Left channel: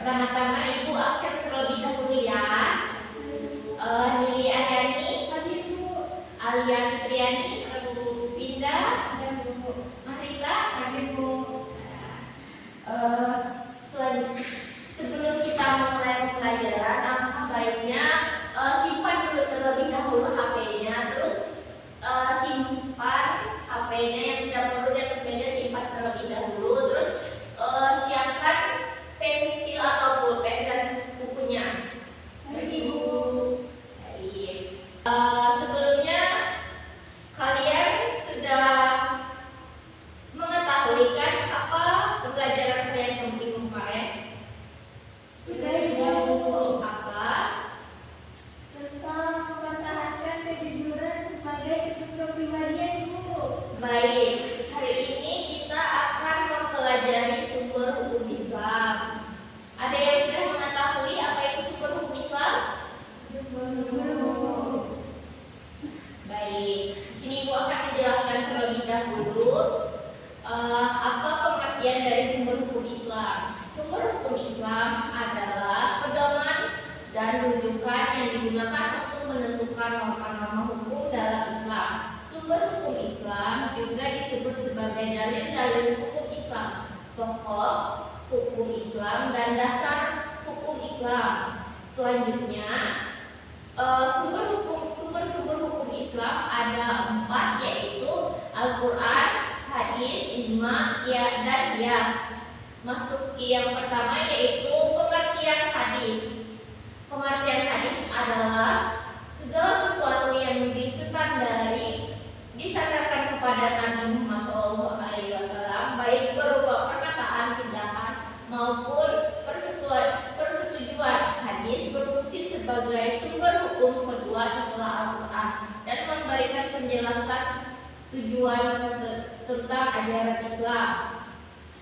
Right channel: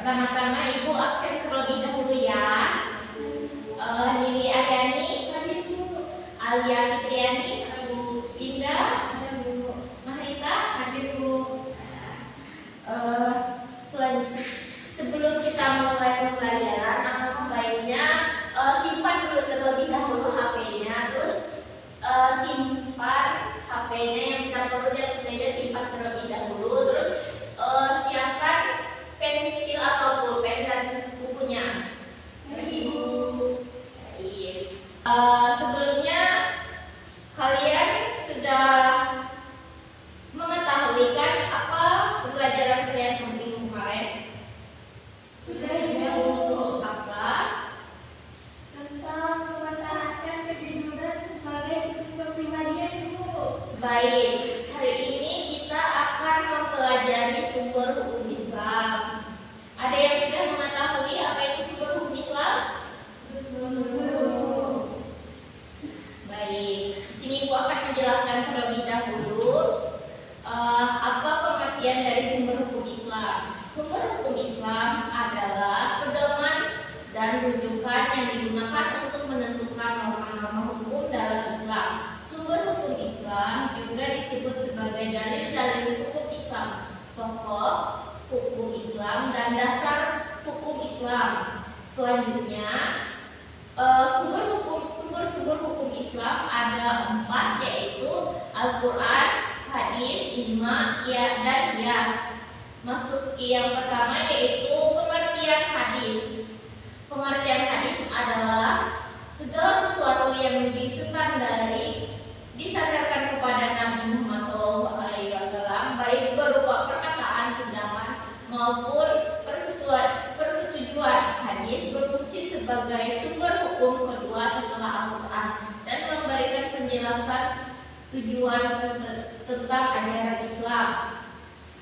Pertama-tama Ibu absen terlebih dahulu ya. Lili Aryani, Alia Fitriani, Winda, Mahrita, sebelum kita mulai pembelajaran, alangkah baiknya simpan dulu terlebih dahulu HP-nya, terus simpan HP-nya yang tidak perlu di atas meja, simpan terlebih dahulu, terus siapkan pensil atau pulpen dan bukunya. Sebelumnya kalian sudah mengetahui kan apa pembelajaran kalian minggu kemarin? Sudah Bu. Apa? Tentang mempertahankan kejujuran sebagai kepribadian Bu. Baik, hari ini kita akan mempelajari sumber hukum Islam. Ada yang sudah mengetahui apa itu sumber hukum Islam? Baik, di sini Ibu akan menjelaskan terlebih dahulu apa pengertian dari sumber hukum Islam. Sumber hukum Islam adalah pedoman dan rujukan yang digunakan untuk menentukan norma-norma hukum dalam Islam. Sumber hukum Islam juga disebut sebagai dalil-dalil hukum Islam, pokok hukum Islam dan dasar hukum Islam. Selanjutnya, sumber hukum Islam ada 4, yaitu Al-Quran, hadis, ijma, dan qiyas. Masuk ke yang pertama, yaitu pengertian hadis. Pengertian hadis adalah segala sesuatu yang disandarkan kepada Nabi Muhammad SAW, baik berupa perkataan, tindakan maupun persetujuan. Hadis berfungsi sebagai sumber hukum kedua setelah Al-Quran dan memberikan penjelasan tujuan tentang ajaran Islam.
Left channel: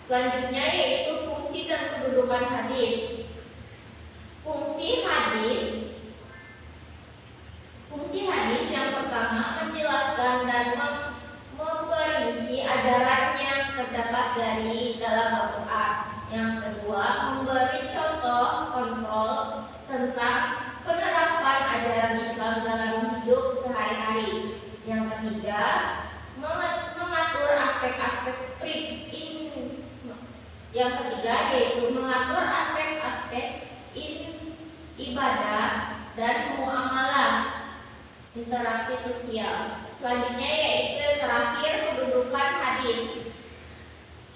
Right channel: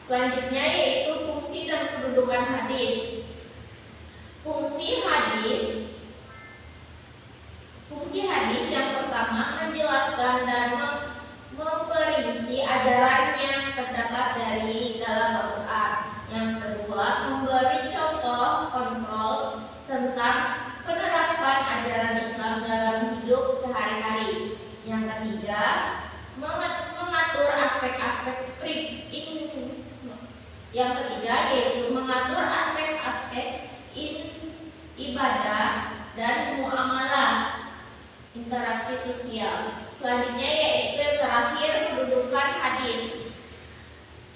Selanjutnya yaitu fungsi dan kedudukan hadis. Fungsi hadis yang pertama menjelaskan dan memperinci ajaran yang terdapat dari dalam Al-Quran. Yang kedua, memberi contoh kontrol tentang penerapan ajaran Islam dalam hidup sehari-hari. Yang ketiga, mengatur aspek-aspek yaitu mengatur aspek-aspek ibadah dan muamalah interaksi sosial. Selanjutnya yaitu yang terakhir, kedudukan hadis.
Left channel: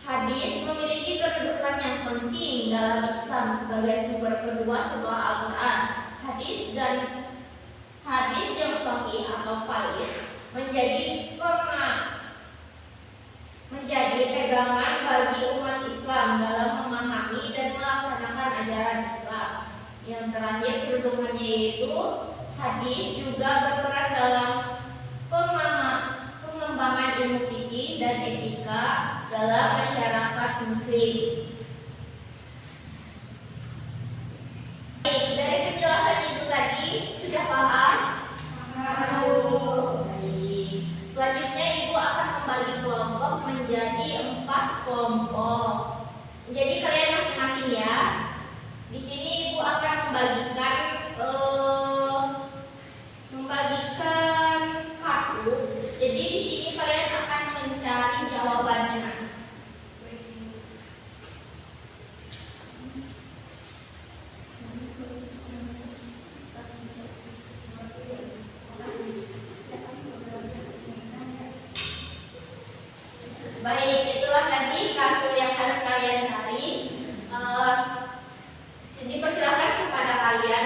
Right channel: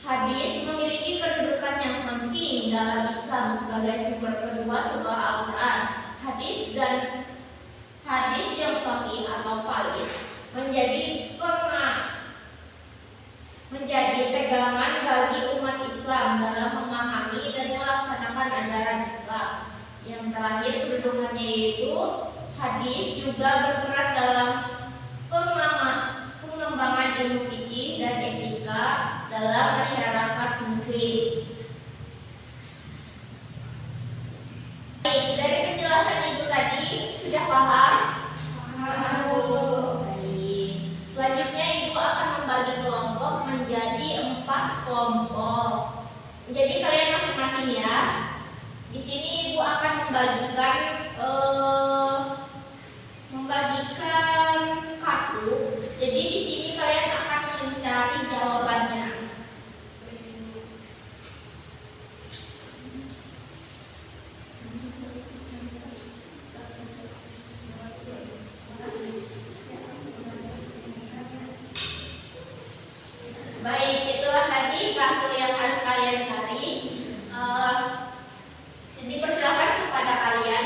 Hadis memiliki kedudukan yang penting dalam Islam sebagai sumber kedua setelah Al-Quran. Hadis yang sahih atau valid menjadi pegangan bagi umat Islam dalam memahami dan melaksanakan ajaran Islam. Yang terakhir kedudukannya yaitu hadis juga berperan dalam pengembangan ilmu fikih dan etika dalam masyarakat Muslim. Baik, dari penjelasan Ibu tadi sudah paham? Baik. Selanjutnya Ibu akan membagi kelompok menjadi 4 kelompok. Jadi kalian masing-masing ya. Di sini Ibu akan membagikan kartu. Jadi di sini kalian akan mencari jawabannya. Baik, itulah tadi kartu yang harus kalian cari. Dipersilakan kepada kalian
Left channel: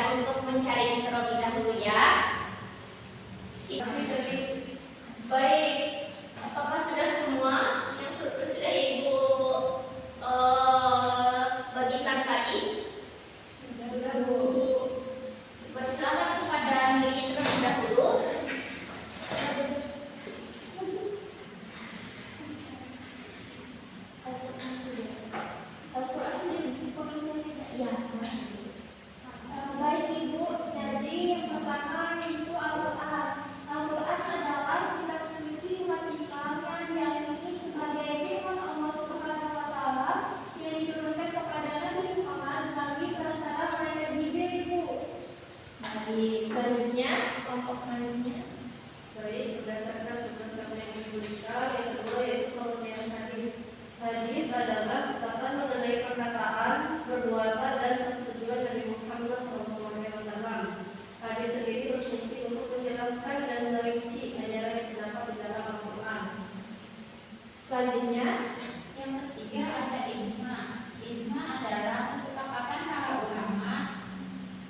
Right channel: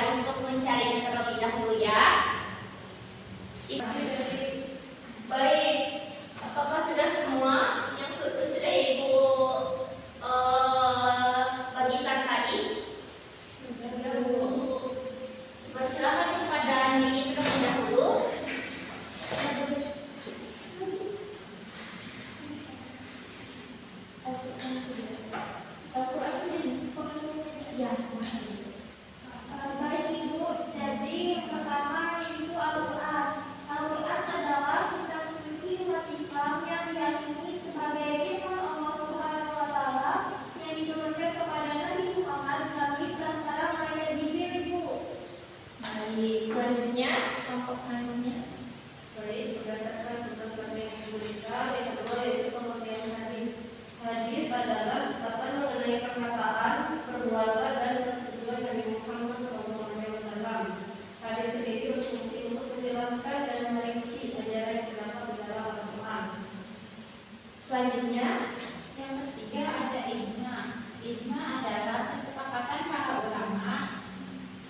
selanjutnya. Yang ketiga ada ijma. Ijma adalah kesepakatan para ulama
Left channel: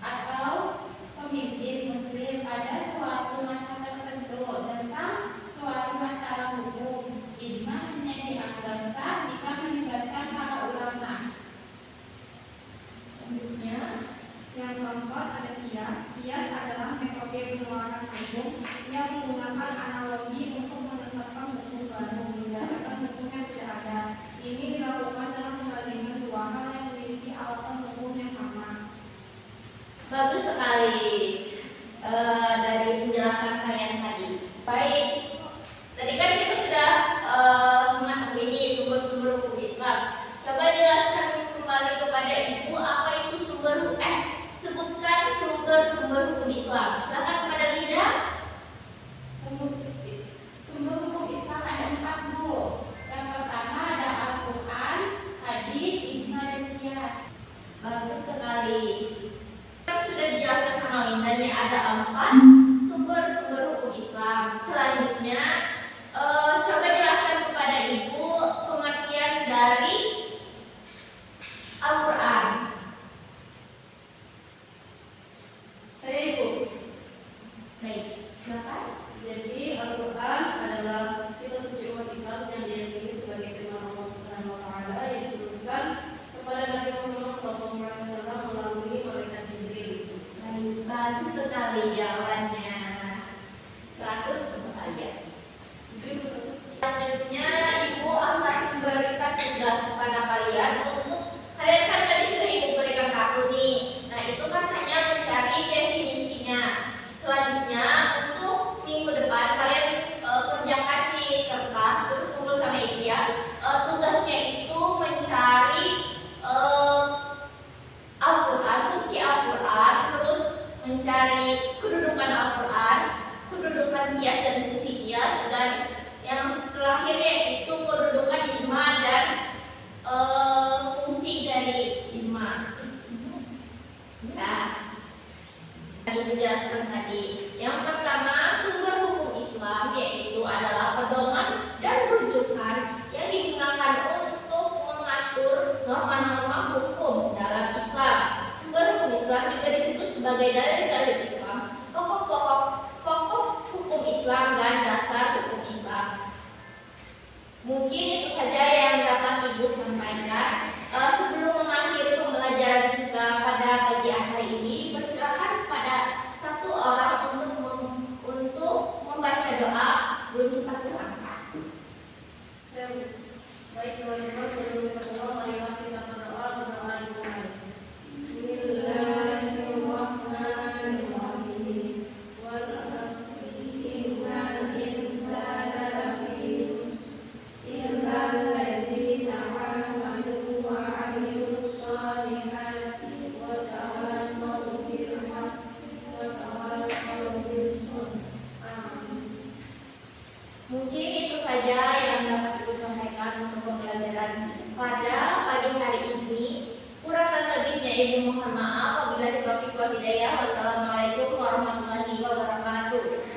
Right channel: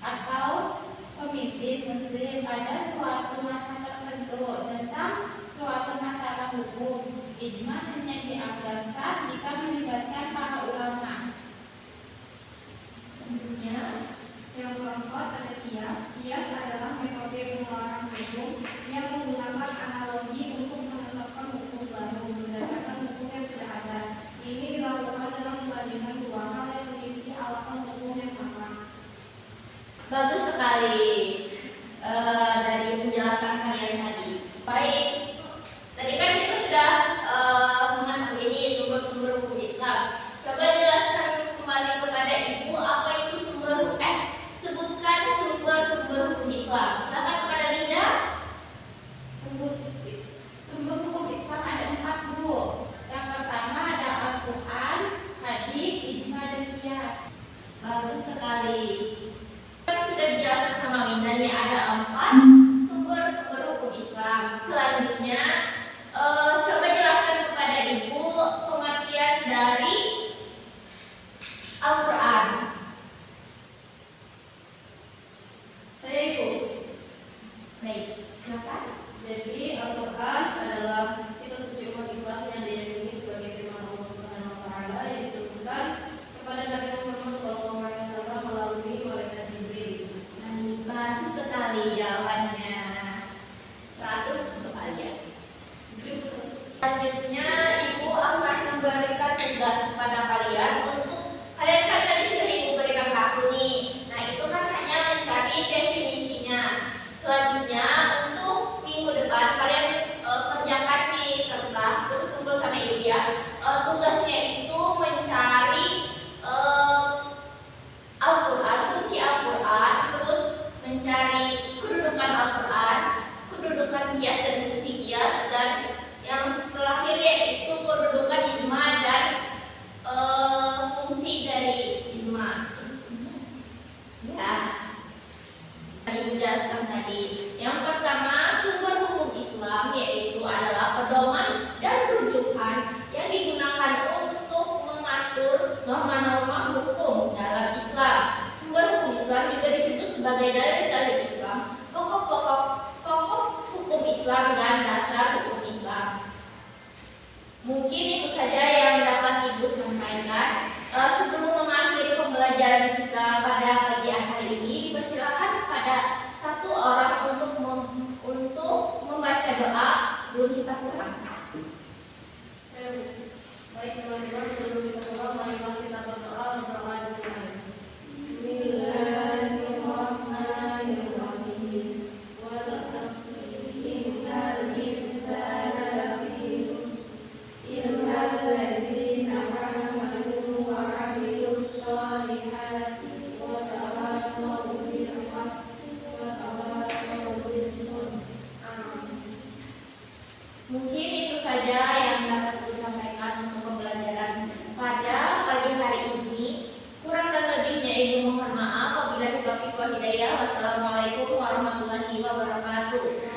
atau pemimpin muslim pada suatu masa tertentu tentang suatu masalah hukum. Ijma hanya dianggap sah jika melibatkan para ulama. Selanjutnya, Yang keempat ada kias. Kias adalah metode penerapan hukum yang menggunakan analogi untuk menetapkan hukum baru berdasarkan hukum yang sudah ada. Ini dilakukan dalam membandingkan dua hal yang memiliki alasan hukum yang sama. bagus sekali dari penjelasan kalian tadi. Baik, tadi kan kita sudah mengetahui ini sumber-sumber hukum Islam. Coba jelaskan kembali kepada ibu apa itu sebutkan sumber-sumber hukum Islam. Silakan kepada Linda. Sumber hukum Islam ada 4, Bu. Yang pertama ada Al-Quran, hadis, ijma, dan qiyas. Bagus sekali. Kan sudah dijelaskan sama Linda nih ada 4 sumber-sumber hukum Islam. Selanjutnya coba jelaskan kepada ibu pengertian dari Al-Quran. Saya Ibu. Baik, silakan. Jadi Al-Quran adalah kitab suci umat Islam yang diiringi sebagai firman Allah Subhanahu wa taala yang diturunkan kepada Nabi Muhammad SAW melalui malaikat Jibril. Bagus sekali jawabannya. 100 untuk kalian. Selanjutnya ibu akan memberikan tugas kepada kalian untuk kalian kan tadi sudah ibu berikan ke aku nih. Nah itu kan hanya mencari definisinya. Selanjutnya untuk minggu depan kalian kerjakan di kertas terus kumpul sama ibu ya. Tugasnya itu mencari Al-Quran, fungsi Al-Quran, terus mencari kedudukan Al-Quran, kedudukan kias dan fungsi kias, dan yang terakhir yaitu kedudukan ijma dan fungsi dari ijma. Ya, ibu jelaskan tadi. Yang pertama sumber hukum Islam yaitu adalah pedoman dan rujukan yang digunakan untuk mengatur norma-norma hukum dalam Islam. Sumber hukum Islam juga disebut sebagai dalil-dalil Islam, pokok hukum Islam dan dasar hukum Islam. Mungkin itu saja yang dapat ibu sampaikan. Sebelum mengakhiri pembelajaran kita pada pagi hari ini, dipersilakan kepada satu orang untuk membaca doa sebelum kita pulang. Baik teman-teman, sebelum kita pulang, marilah kita berdoa dulu. Bismillahirrahmanirrahim. Wal 'asri innal insana lafi khusr illa alladziina aamanu wa 'amilus shalihati wa tawassaw bil haqqi wa tawassaw bis sabr. Mungkin itu saja yang dapat ibu sampaikan untuk pembelajaran pada pagi hari ini. Kurang dan lebihnya ibu mohon maaf. Wabillahi taufiq wal hidayah. Wassalamualaikum warahmatullahi wabarakatuh.